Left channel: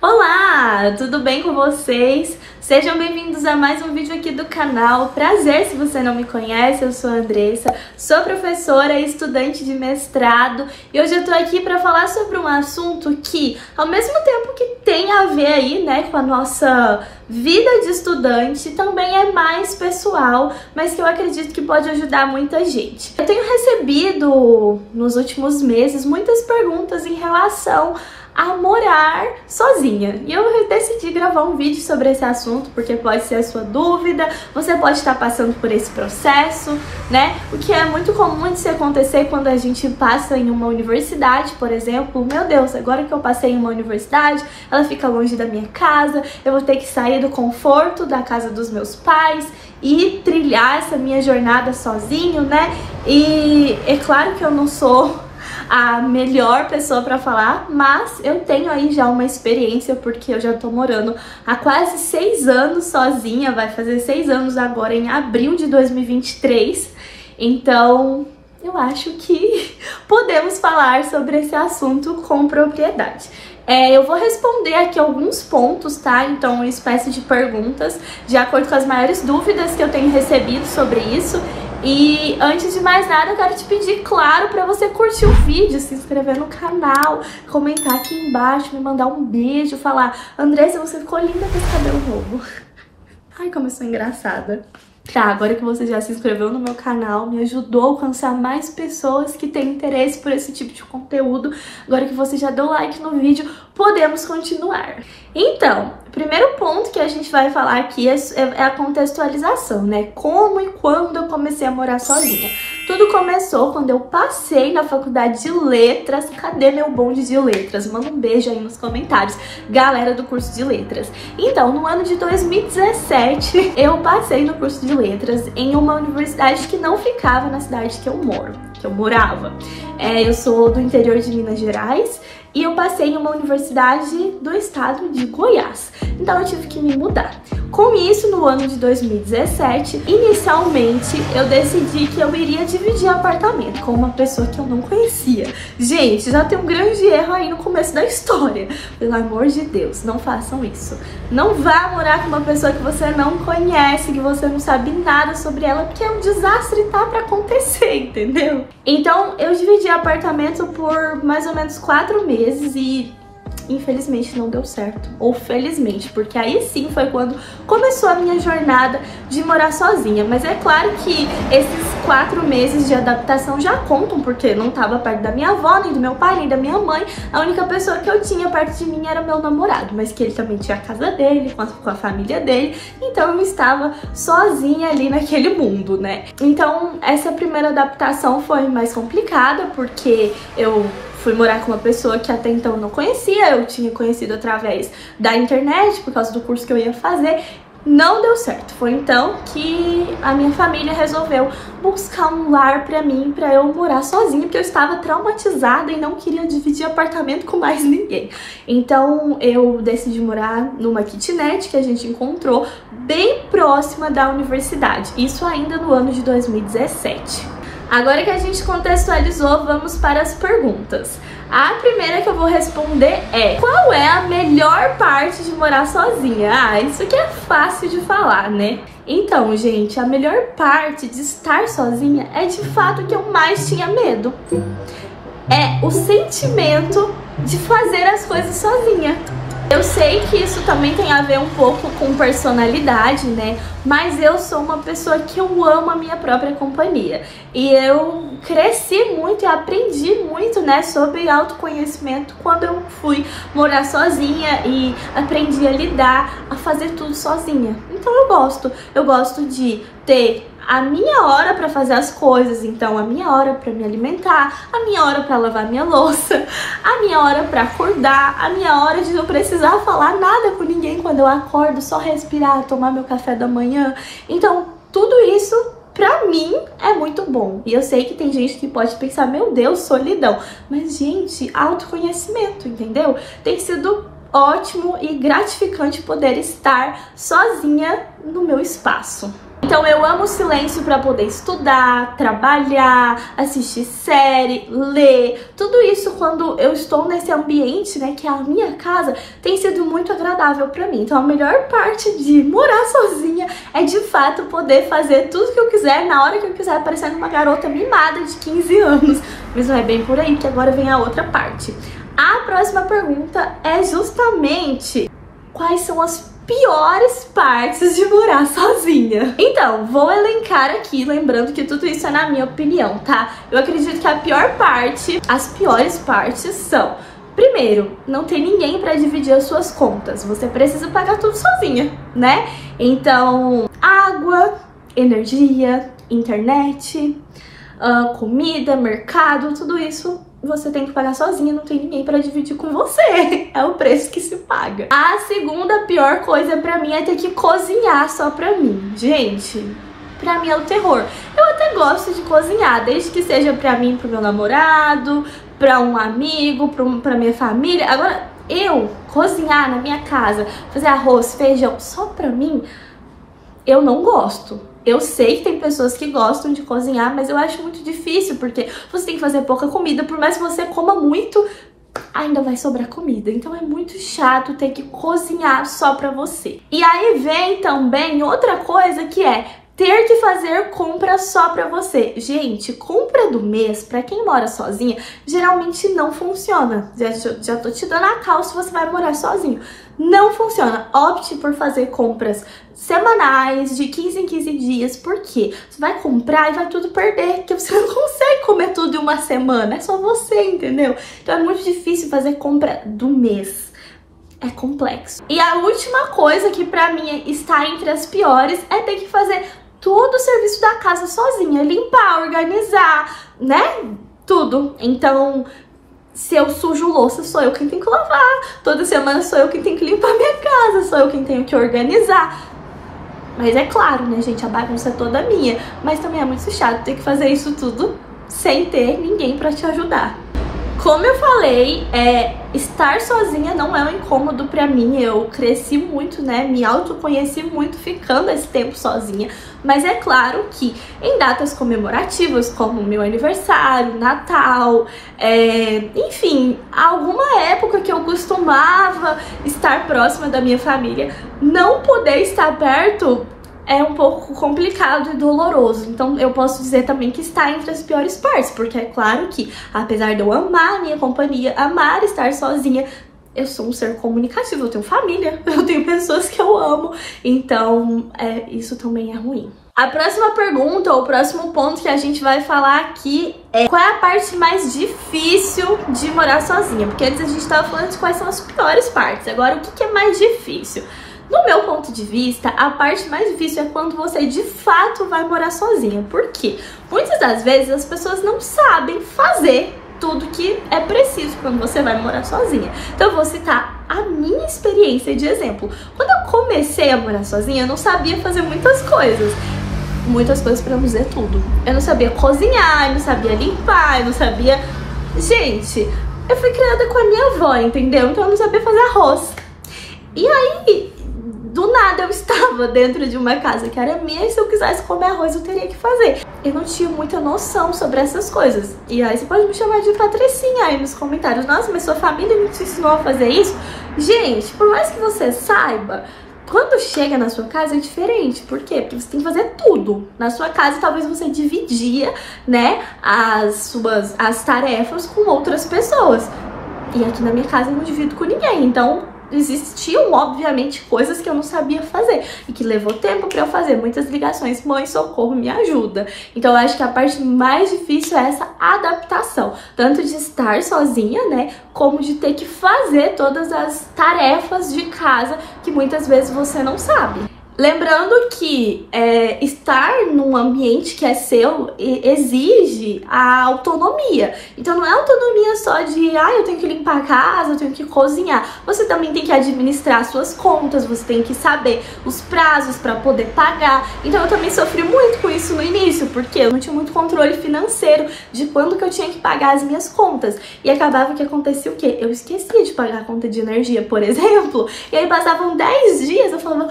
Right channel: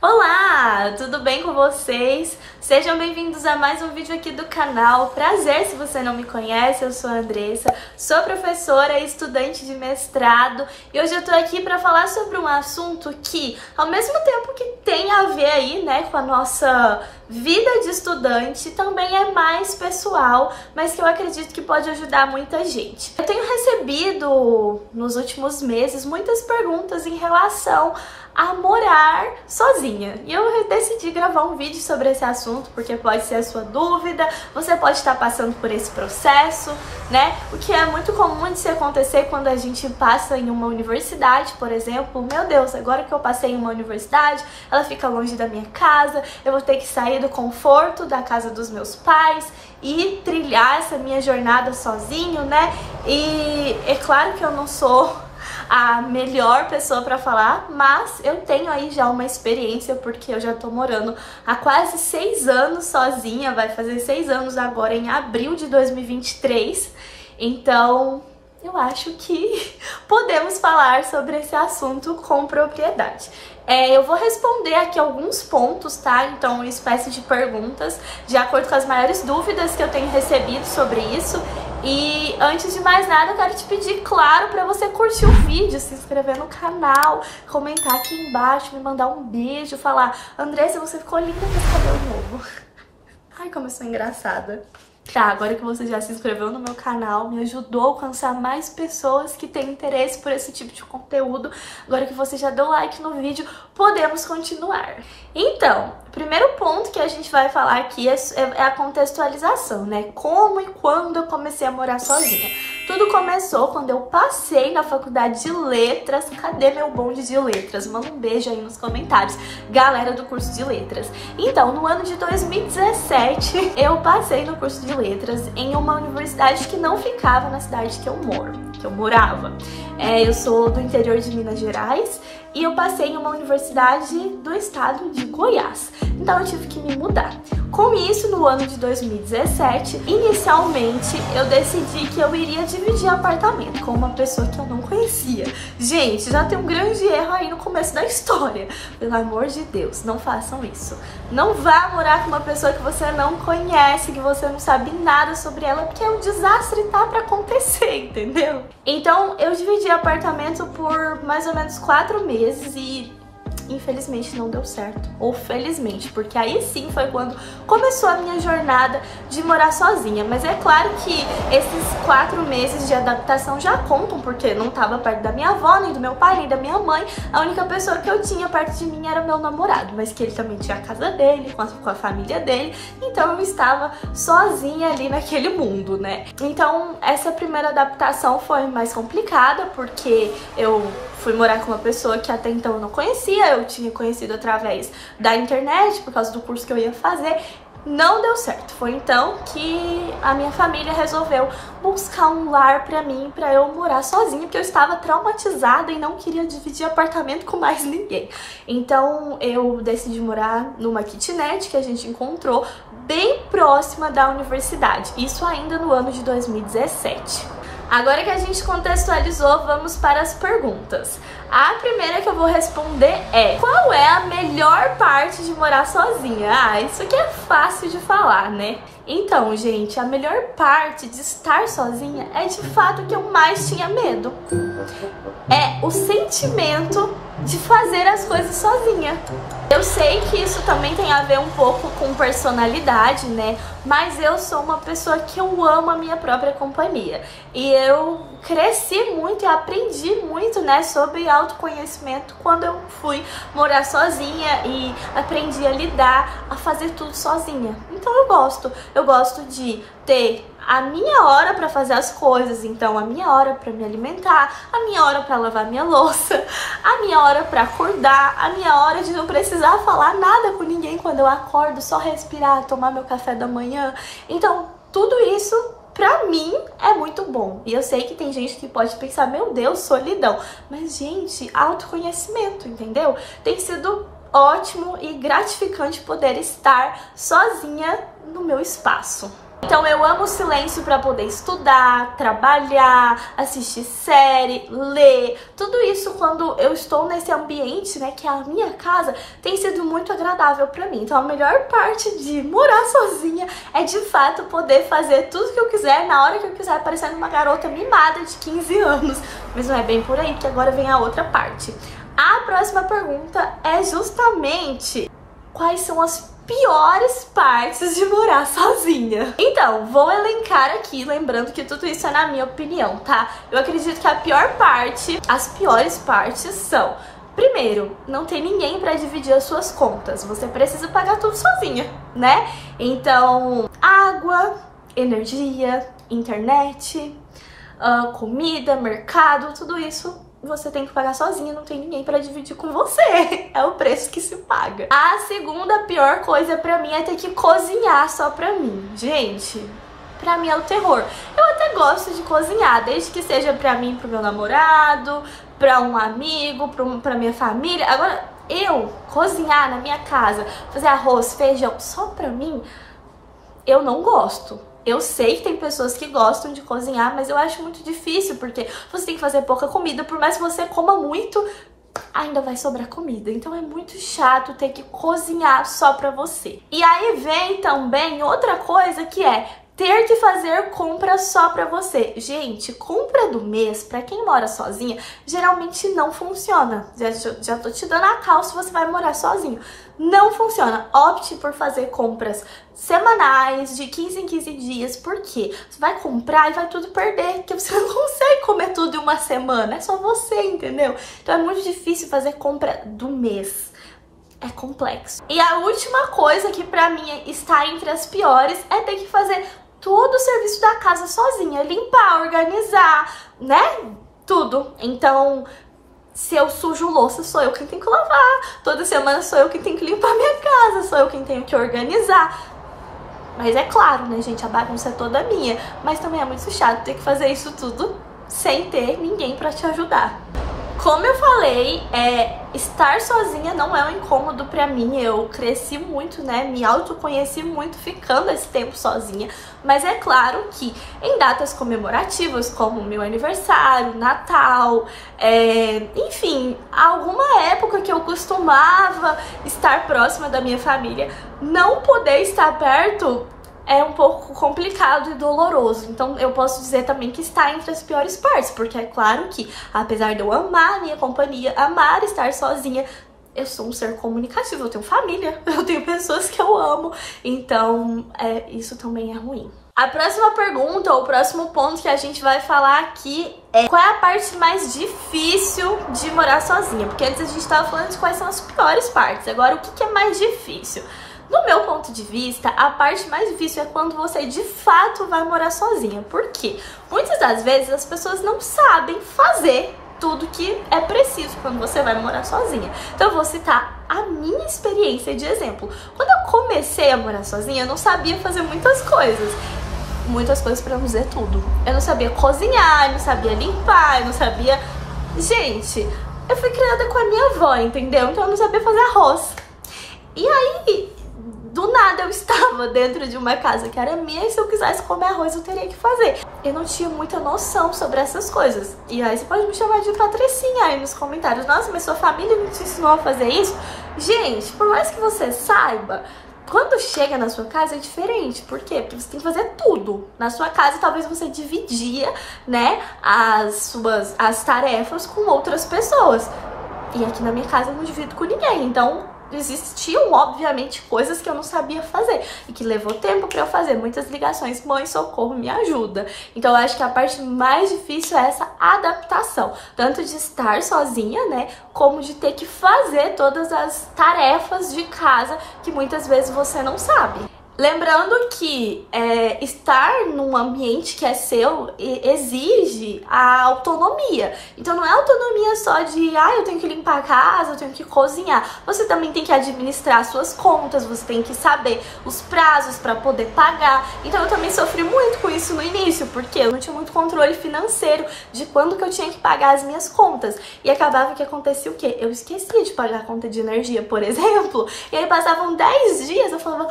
Olá, tudo bem com vocês? Sejam bem-vindos a mais um vídeo aqui do canal. Prazer, se você não me conhece, eu sou a Andressa, sou professora e estudante de mestrado e hoje eu tô aqui para falar sobre um assunto que, ao mesmo tempo que tem a ver aí, né, com a nossa vida de estudante, também é mais pessoal, mas que eu acredito que pode ajudar muita gente. Eu tenho recebido nos últimos meses muitas perguntas em relação a morar sozinha. E eu decidi gravar um vídeo sobre esse assunto, porque pode ser a sua dúvida, você pode estar passando por esse processo, né? O que é muito comum de se acontecer quando a gente passa em uma universidade, por exemplo. Meu Deus, agora que eu passei em uma universidade, ela fica longe da minha casa, eu vou ter que sair do conforto da casa dos meus pais e trilhar essa minha jornada sozinho, né? E é claro que eu não sou a melhor pessoa para falar, mas eu tenho aí já uma experiência, porque eu já tô morando há quase 6 anos sozinha, vai fazer 6 anos agora em abril de 2023, então eu acho que podemos falar sobre esse assunto com propriedade. Eu vou responder aqui alguns pontos, tá? Então, uma espécie de perguntas, de acordo com as maiores dúvidas que eu tenho recebido sobre isso. E antes de mais nada, eu quero te pedir, claro, para você curtir o vídeo, se inscrever no canal, comentar aqui embaixo, me mandar um beijo, falar: Andressa, você ficou linda com esse cabelo novo. Ai, como eu sou engraçada. Tá, agora que você já se inscreveu no meu canal, me ajudou a alcançar mais pessoas que têm interesse por esse tipo de conteúdo, agora que você já deu like no vídeo, podemos continuar. Então, o primeiro ponto que a gente vai falar aqui é a contextualização, né? Como e quando eu comecei a morar sozinha. Tudo começou quando eu passei na faculdade de letras. Cadê meu bonde de letras? Manda um beijo aí nos comentários, galera do curso de letras. Então, no ano de 2017, eu passei no curso de letras em uma universidade que não ficava na cidade que eu morava. Eu sou do interior de Minas Gerais e eu passei em uma universidade do estado de Goiás. Então eu tive que me mudar. Com isso, no ano de 2017, inicialmente eu decidi que eu iria dividir apartamento com uma pessoa que eu não conhecia. Gente, já tem um grande erro aí no começo da história. Pelo amor de Deus, não façam isso. Não vá morar com uma pessoa que você não conhece, que você não sabe nada sobre ela, porque é um desastre tá pra acontecer, entendeu? Então eu dividi apartamento por mais ou menos 4 meses e infelizmente não deu certo, ou felizmente, porque aí sim foi quando começou a minha jornada de morar sozinha. Mas é claro que esses 4 meses de adaptação já contam, porque não estava perto da minha avó, nem do meu pai, nem da minha mãe. A única pessoa que eu tinha perto de mim era meu namorado, mas que ele também tinha a casa dele, com a família dele, então eu estava sozinha ali naquele mundo, né? Então essa primeira adaptação foi mais complicada, porque eu fui morar com uma pessoa que até então eu não conhecia, eu tinha conhecido através da internet, por causa do curso que eu ia fazer. Não deu certo. Foi então que a minha família resolveu buscar um lar pra mim, pra eu morar sozinha, porque eu estava traumatizada e não queria dividir apartamento com mais ninguém. Então eu decidi morar numa kitnet que a gente encontrou bem próxima da universidade. Isso ainda no ano de 2017. Agora que a gente contextualizou, vamos para as perguntas. A primeira que eu vou responder é: qual é a melhor parte de morar sozinha? Ah, isso aqui é fácil de falar, né? Então, gente, a melhor parte de estar sozinha é de fato que eu mais tinha medo. É o sentimento de fazer as coisas sozinha. Eu sei que isso também tem a ver um pouco com personalidade, né? Mas eu sou uma pessoa que eu amo a minha própria companhia. E eu cresci muito e aprendi muito, né, sobre autoconhecimento quando eu fui morar sozinha e aprendi a lidar, a fazer tudo sozinha. Então eu gosto de ter a minha hora para fazer as coisas, então a minha hora para me alimentar, a minha hora para lavar minha louça, a minha hora para acordar, a minha hora de não precisar falar nada com ninguém quando eu acordo, só respirar, tomar meu café da manhã. Então, tudo isso pra mim é muito bom. E eu sei que tem gente que pode pensar: meu Deus, solidão. Mas, gente, autoconhecimento, entendeu? Tem sido ótimo e gratificante poder estar sozinha no meu espaço. Então eu amo o silêncio para poder estudar, trabalhar, assistir série, ler. Tudo isso quando eu estou nesse ambiente, né, que é a minha casa, tem sido muito agradável para mim. Então a melhor parte de morar sozinha é de fato poder fazer tudo que eu quiser, na hora que eu quiser, parecendo uma garota mimada de 15 anos. Mas não é bem por aí, que agora vem a outra parte. A próxima pergunta é justamente quais são as piores partes de morar sozinha. Então, vou elencar aqui, lembrando que tudo isso é na minha opinião, tá? Eu acredito que a pior parte, as piores partes são: primeiro, não tem ninguém pra dividir as suas contas. Você precisa pagar tudo sozinha, né? Então, água, energia, internet, comida, mercado, tudo isso você tem que pagar sozinha, não tem ninguém pra dividir com você. É o preço que se paga. A segunda pior coisa pra mim é ter que cozinhar só pra mim. Gente, pra mim é o terror. Eu até gosto de cozinhar, desde que seja pra mim, pro meu namorado, pra um amigo, pra minha família. Agora, eu cozinhar na minha casa, fazer arroz, feijão só pra mim, eu não gosto. Eu sei que tem pessoas que gostam de cozinhar, mas eu acho muito difícil, porque você tem que fazer pouca comida, por mais que você coma muito, ainda vai sobrar comida. Então é muito chato ter que cozinhar só pra você. E aí vem também outra coisa, que é ter que fazer compra só pra você. Gente, compra do mês, pra quem mora sozinha, geralmente não funciona. Já tô te dando a cal se você vai morar sozinho. Não funciona. Opte por fazer compras semanais, de 15 em 15 dias. Por quê? Você vai comprar e vai tudo perder, porque você não consegue comer tudo em uma semana. É só você, entendeu? Então é muito difícil fazer compra do mês. É complexo. E a última coisa que pra mim está entre as piores é ter que fazer todo o serviço da casa sozinha. Limpar, organizar, né? Tudo. Então, se eu sujo louça, sou eu quem tem que lavar. Toda semana sou eu quem tem que limpar minha casa. Sou eu quem tenho que organizar. Mas é claro, né, gente? A bagunça é toda minha. Mas também é muito chato ter que fazer isso tudo sem ter ninguém pra te ajudar. Como eu falei, estar sozinha não é um incômodo pra mim. Eu cresci muito, né? Me autoconheci muito ficando esse tempo sozinha. Mas é claro que em datas comemorativas, como meu aniversário, Natal, enfim, alguma época que eu costumava estar próxima da minha família, não poder estar perto é um pouco complicado e doloroso. Então eu posso dizer também que está entre as piores partes, porque é claro que, apesar de eu amar a minha companhia, amar estar sozinha, eu sou um ser comunicativo, eu tenho família, eu tenho pessoas que eu amo, então isso também é ruim. A próxima pergunta, ou o próximo ponto que a gente vai falar aqui é: qual é a parte mais difícil de morar sozinha? Porque antes a gente estava falando de quais são as piores partes, agora o que é mais difícil? No meu ponto de vista, a parte mais difícil é quando você de fato vai morar sozinha. Por quê? Muitas das vezes as pessoas não sabem fazer tudo que é preciso quando você vai morar sozinha. Então eu vou citar a minha experiência de exemplo. Quando eu comecei a morar sozinha, eu não sabia fazer muitas coisas. Muitas coisas pra não dizer tudo. Eu não sabia cozinhar, eu não sabia limpar, eu não sabia... Gente, eu fui criada com a minha avó, entendeu? Então eu não sabia fazer arroz. E aí, do nada eu estava dentro de uma casa que era minha e se eu quisesse comer arroz eu teria que fazer. Eu não tinha muita noção sobre essas coisas. E aí você pode me chamar de Patricinha aí nos comentários. Nossa, mas sua família não te ensinou a fazer isso? Gente, por mais que você saiba, quando chega na sua casa é diferente. Por quê? Porque você tem que fazer tudo. Na sua casa talvez você dividia, né, as tarefas com outras pessoas. E aqui na minha casa eu não divido com ninguém. Então existiam, obviamente, coisas que eu não sabia fazer e que levou tempo pra eu fazer. Muitas ligações: mãe, socorro, me ajuda. Então eu acho que a parte mais difícil é essa adaptação, tanto de estar sozinha, né, como de ter que fazer todas as tarefas de casa que muitas vezes você não sabe. Lembrando que estar num ambiente que é seu exige a autonomia. Então não é autonomia só de, eu tenho que limpar a casa, eu tenho que cozinhar. Você também tem que administrar suas contas, você tem que saber os prazos para poder pagar. Então eu também sofri muito com isso no início, porque eu não tinha muito controle financeiro de quando que eu tinha que pagar as minhas contas. E acabava que acontecia o quê? Eu esquecia de pagar a conta de energia, por exemplo. E aí passavam 10 dias, eu falava:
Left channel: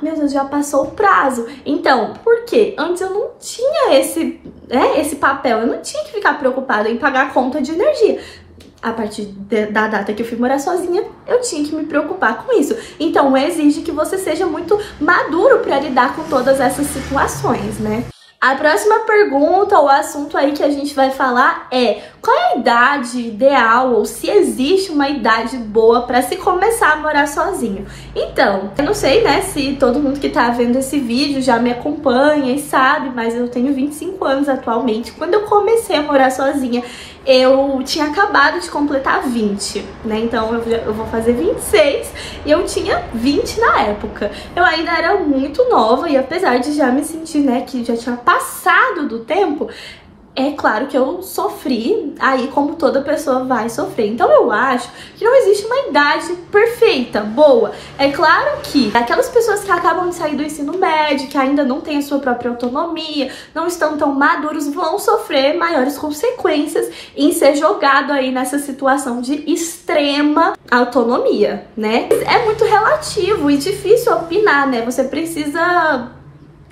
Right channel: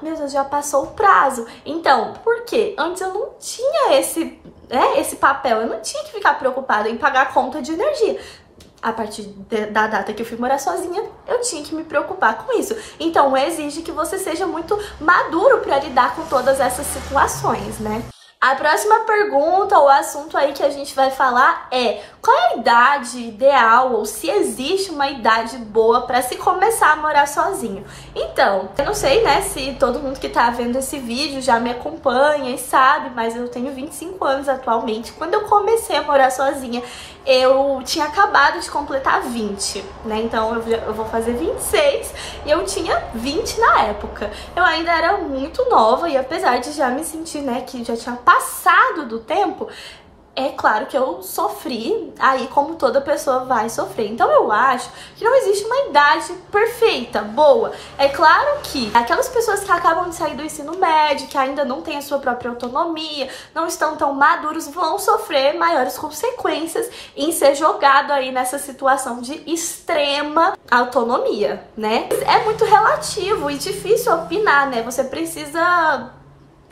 meu Deus contas já passou o prazo. Então, por quê? Antes eu não tinha esse papel, eu não tinha que ficar preocupada em pagar a conta de energia. A partir da data que eu fui morar sozinha, eu tinha que me preocupar com isso. Então, exige que você seja muito maduro para lidar com todas essas situações, né? A próxima pergunta, ou assunto aí que a gente vai falar é: qual é a idade ideal, ou se existe uma idade boa para se começar a morar sozinho? Então, eu não sei, né, se todo mundo que tá vendo esse vídeo já me acompanha e sabe, mas eu tenho 25 anos atualmente. Quando eu comecei a morar sozinha, eu tinha acabado de completar 20, né? Então eu vou fazer 26 e eu tinha 20 na época. Eu ainda era muito nova e apesar de já me sentir, né, que já tinha passado do tempo, é claro que eu sofri, aí como toda pessoa vai sofrer. Então eu acho que não existe uma idade perfeita, boa. É claro que aquelas pessoas que acabam de sair do ensino médio, que ainda não têm a sua própria autonomia, não estão tão maduros, vão sofrer maiores consequências em ser jogado aí nessa situação de extrema autonomia, né? É muito relativo e difícil opinar, né? Você precisa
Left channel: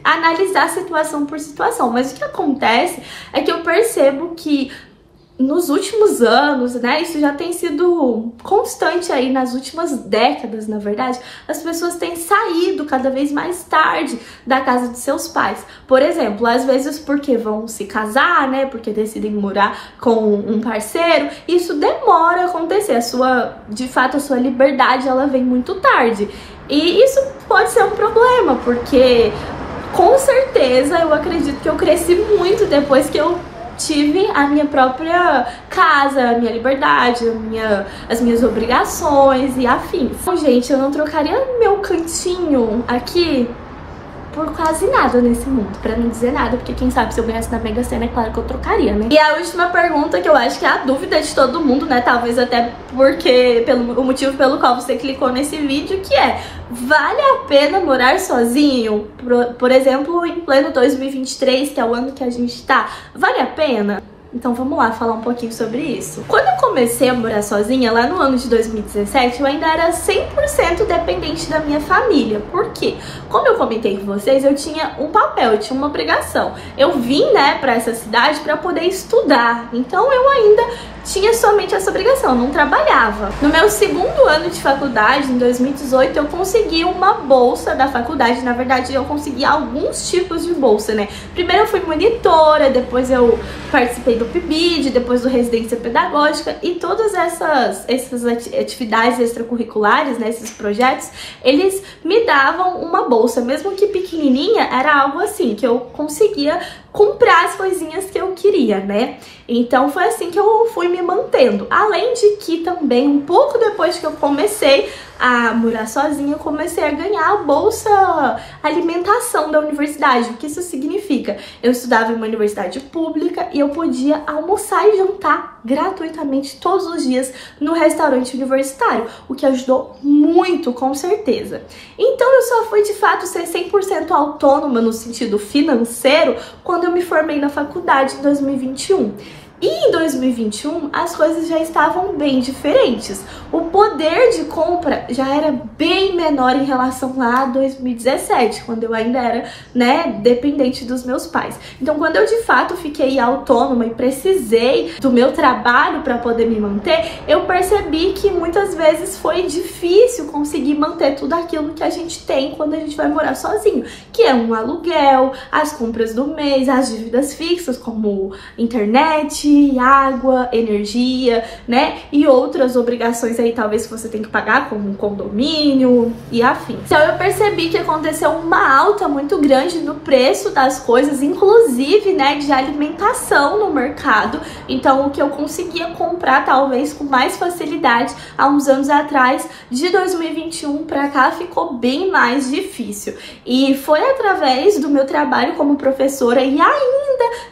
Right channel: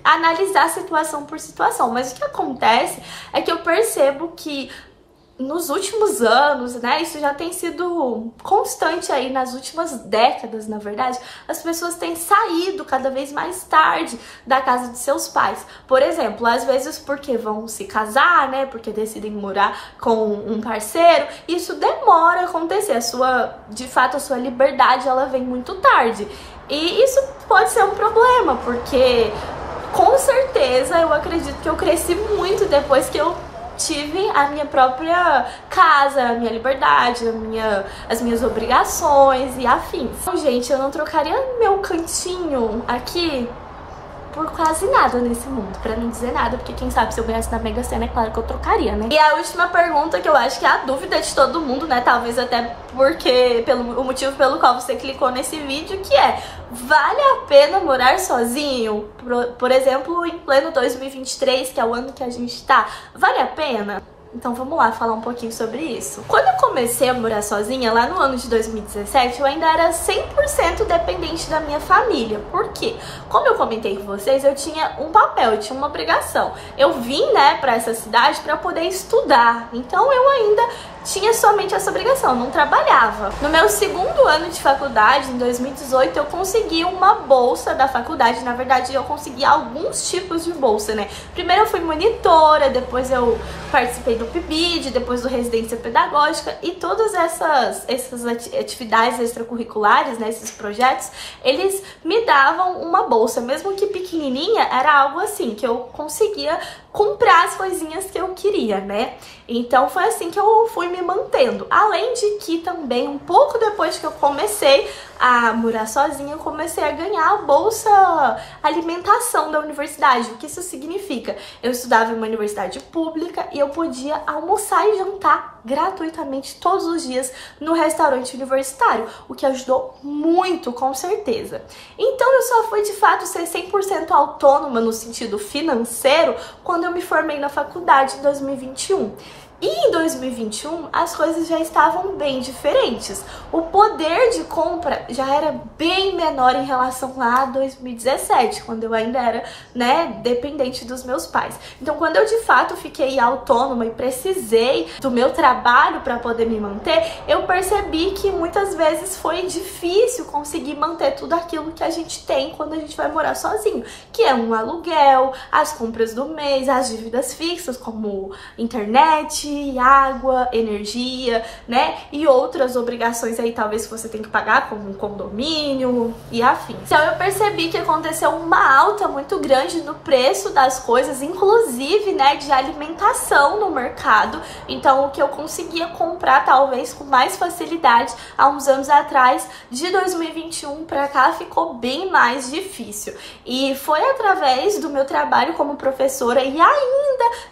analisar situação por situação, mas o que acontece é que eu percebo que nos últimos anos, né, isso já tem sido constante aí nas últimas décadas, na verdade, as pessoas têm saído cada vez mais tarde da casa de seus pais. Por exemplo, às vezes porque vão se casar, né, porque decidem morar com um parceiro, isso demora a acontecer, de fato a sua liberdade ela vem muito tarde. E isso pode ser um problema, porque com certeza, eu acredito que eu cresci muito depois que eu tive a minha própria casa, a minha liberdade, as minhas obrigações e afins. Então, gente, eu não trocaria meu cantinho aqui por quase nada nesse mundo, pra não dizer nada, porque quem sabe se eu ganhasse na Mega Sena, é claro que eu trocaria, né? E a última pergunta, que eu acho que é a dúvida de todo mundo, né, talvez até porque, o motivo pelo qual você clicou nesse vídeo, que é: vale a pena morar sozinho? Por exemplo, em pleno 2023, que é o ano que a gente tá, vale a pena? Então vamos lá falar um pouquinho sobre isso. Quando eu comecei a morar sozinha, lá no ano de 2017, eu ainda era 100% dependente da minha família. Por quê? Como eu comentei com vocês, eu tinha um papel, eu tinha uma obrigação. Eu vim, né, pra essa cidade pra poder estudar. Então eu ainda tinha somente essa obrigação, eu não trabalhava. No meu segundo ano de faculdade, em 2018, eu consegui uma bolsa da faculdade. Na verdade, eu consegui alguns tipos de bolsa, né? Primeiro eu fui monitora, depois eu participei do PIBID, depois do Residência Pedagógica, e todas essas atividades extracurriculares, né, esses projetos, eles me davam uma bolsa, mesmo que pequenininha, era algo assim, que eu conseguia comprar as coisinhas que eu queria, né? Então foi assim que eu fui me mantendo. Além de que também, um pouco depois que eu comecei a morar sozinha, eu comecei a ganhar a bolsa alimentação da universidade. O que isso significa? Eu estudava em uma universidade pública e eu podia almoçar e jantar gratuitamente todos os dias no restaurante universitário, o que ajudou muito, com certeza. Então eu só fui de fato ser 100% autônoma no sentido financeiro quando eu me formei na faculdade em 2021. E em 2021, as coisas já estavam bem diferentes. O poder de compra já era bem menor em relação lá a 2017, quando eu ainda era, né, dependente dos meus pais. Então, quando eu de fato fiquei autônoma e precisei do meu trabalho para poder me manter, eu percebi que muitas vezes foi difícil conseguir manter tudo aquilo que a gente tem quando a gente vai morar sozinho, que é um aluguel, as compras do mês, as dívidas fixas, como internet, água, energia, né? E outras obrigações aí, talvez, que você tem que pagar, como um condomínio e afins. Então eu percebi que aconteceu uma alta muito grande no preço das coisas, inclusive, né, de alimentação no mercado. Então o que eu conseguia comprar, talvez, com mais facilidade há uns anos atrás, de 2021 pra cá, ficou bem mais difícil. E foi através do meu trabalho como professora e ainda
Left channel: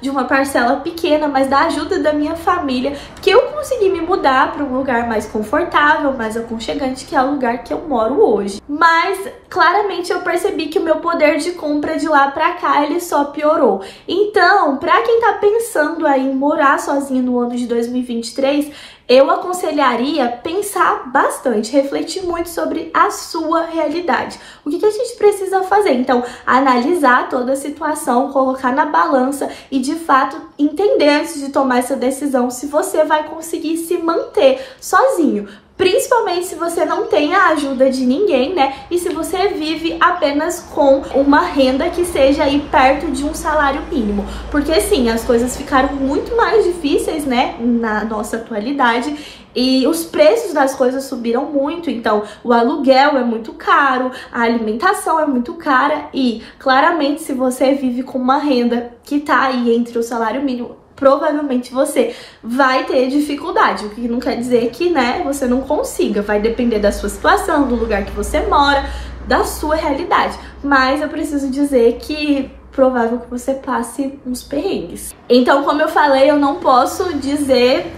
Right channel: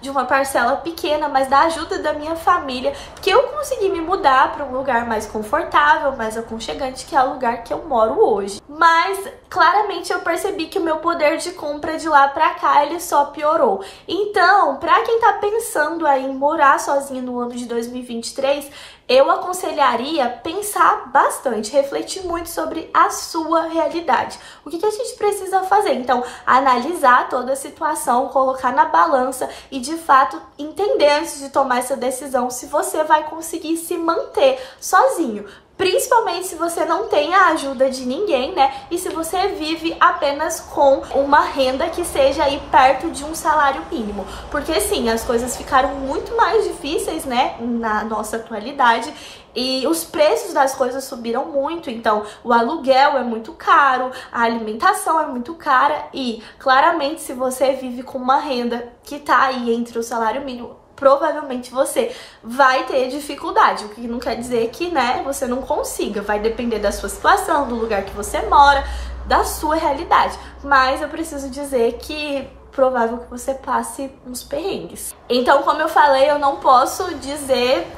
de uma parcela pequena, mas da ajuda da minha família, que eu consegui me mudar para um lugar mais confortável, mais aconchegante, que é o lugar que eu moro hoje. Mas claramente eu percebi que o meu poder de compra de lá pra cá, ele só piorou. Então, pra quem tá pensando aí em morar sozinho no ano de 2023, eu aconselharia pensar bastante, refletir muito sobre a sua realidade. O que a gente precisa fazer? Então, analisar toda a situação, colocar na balança e, de fato, entender antes de tomar essa decisão se você vai conseguir se manter sozinho. Principalmente se você não tem a ajuda de ninguém, né? E se você vive apenas com uma renda que seja aí perto de um salário mínimo. Porque sim, as coisas ficaram muito mais difíceis, né? Na nossa atualidade. E os preços das coisas subiram muito, então o aluguel é muito caro, a alimentação é muito cara e, claramente, se você vive com uma renda que tá aí entre o salário mínimo, provavelmente você vai ter dificuldade, o que não quer dizer que, né, você não consiga, vai depender da sua situação, do lugar que você mora, da sua realidade. Mas eu preciso dizer que provável que você passe uns perrengues. Então, como eu falei, eu não posso dizer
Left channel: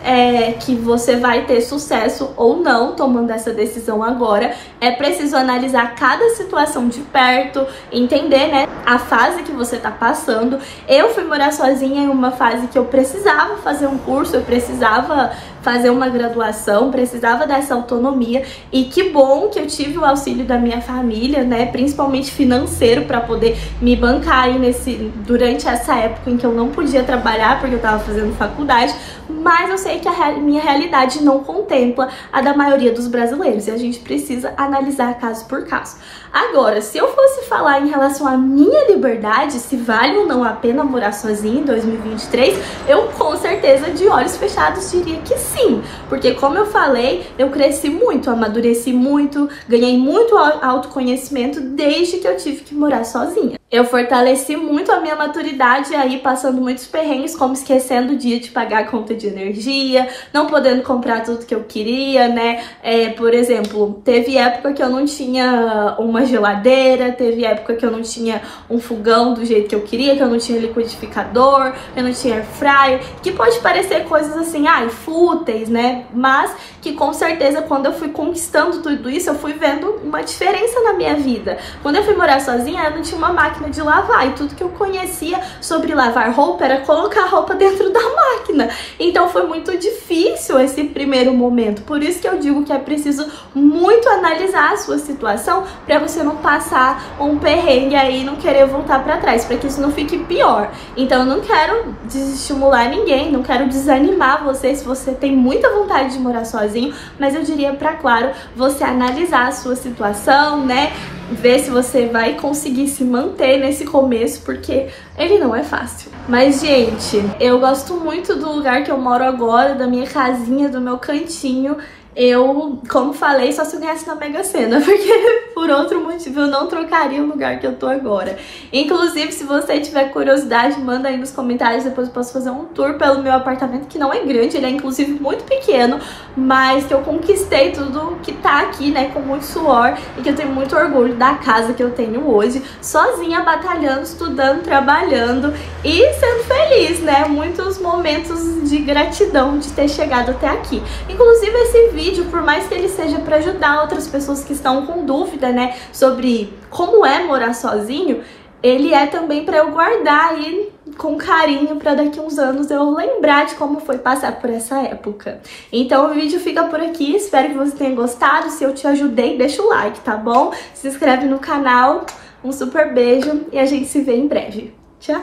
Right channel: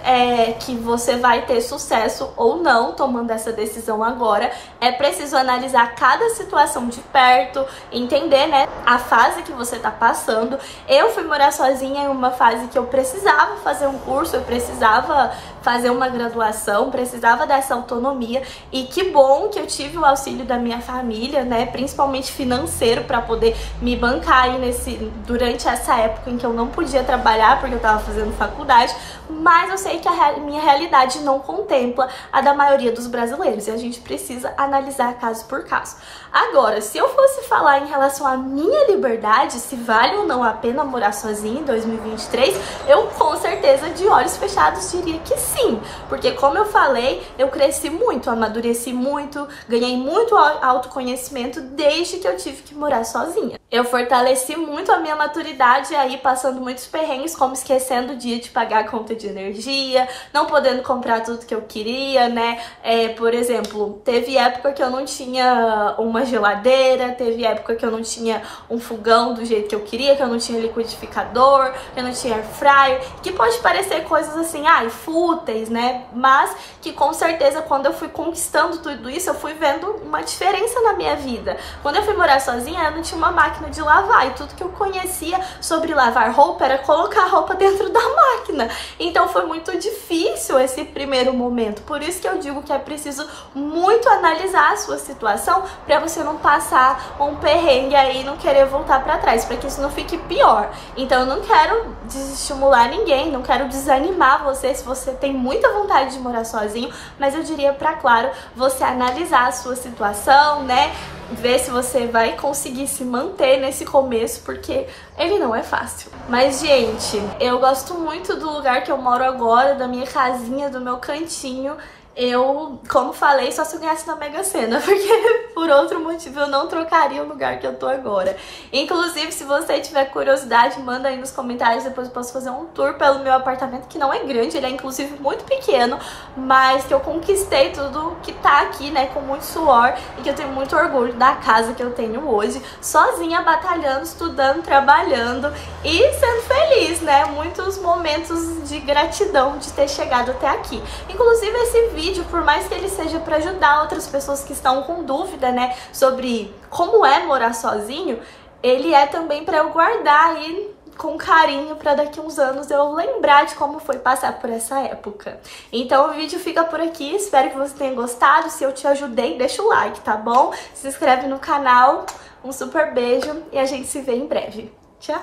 que você vai ter sucesso ou não tomando essa decisão agora. É preciso analisar cada situação de perto, entender, né, a fase que você tá passando. Eu fui morar sozinha em uma fase que eu precisava fazer um curso, eu precisava fazer uma graduação, precisava dessa autonomia, e que bom que eu tive o auxílio da minha família, né, principalmente financeiro, para poder me bancar aí durante essa época em que eu não podia trabalhar porque eu tava fazendo faculdade. Mas eu sei que a minha realidade não contempla a da maioria dos brasileiros e a gente precisa analisar caso por caso. Agora, se eu fosse falar em relação à minha liberdade, se vale ou não a pena morar sozinha em 2023, eu com certeza, de olhos fechados, diria que sim. Porque, como eu falei, eu cresci muito, amadureci muito, ganhei muito autoconhecimento desde que eu tive que morar sozinha. Eu fortaleci muito a minha maturidade aí, passando muitos perrengues, como esquecendo o dia de pagar a conta de energia, não podendo comprar tudo que eu queria, né? Por exemplo, teve época que eu não tinha uma geladeira, teve época que eu não tinha um fogão do jeito que eu queria, que eu não tinha liquidificador, eu não tinha air fryer, que pode parecer coisas assim, fúteis, né? Mas que com certeza, quando eu fui conquistando tudo isso, eu fui vendo uma diferença na minha vida. Quando eu fui morar sozinha, eu não tinha uma máquina de lavar, e tudo que eu conhecia sobre lavar roupa era colocar a roupa dentro da máquina. Então foi muito difícil esse primeiro momento. Por isso que eu digo que é preciso muito analisar a sua situação para você não passar um perrengue aí e não querer voltar para trás, para que isso não fique pior. Então eu não quero desestimular ninguém, não quero desanimar você se você tem muita vontade de morar sozinho, mas eu diria para, claro, você analisar a sua situação, né? Ver se você vai conseguir se manter nesse começo, porque ele não é fácil. Mas, gente, eu gosto muito do lugar que eu moro agora, da minha casinha, do meu cantinho. Eu, como falei, só se eu ganhasse na Mega Sena, porque por outro motivo eu não trocaria o lugar que eu tô agora. Inclusive, se você tiver curiosidade, manda aí nos comentários, depois eu posso fazer um tour pelo meu apartamento, que não é grande, ele é inclusive muito pequeno, mas que eu conquistei tudo que tá aqui, né, com muito suor, e que eu tenho muito orgulho da casa que eu tenho hoje, sozinha, batalhando, estudando, trabalhando e sendo feliz, né? Muitos momentos de gratidão de ter chegado até aqui. Inclusive, esse vídeo, por mais que ele seja para ajudar outras pessoas que estão com dúvida, né, sobre como é morar sozinho, ele é também para eu guardar aí com carinho, para daqui uns anos eu lembrar de como foi passar por essa época. Então o vídeo fica por aqui, espero que você tenha gostado. Se eu te ajudei, deixa o like, tá bom? Se inscreve no canal, um super beijo e a gente se vê em breve. Tchau!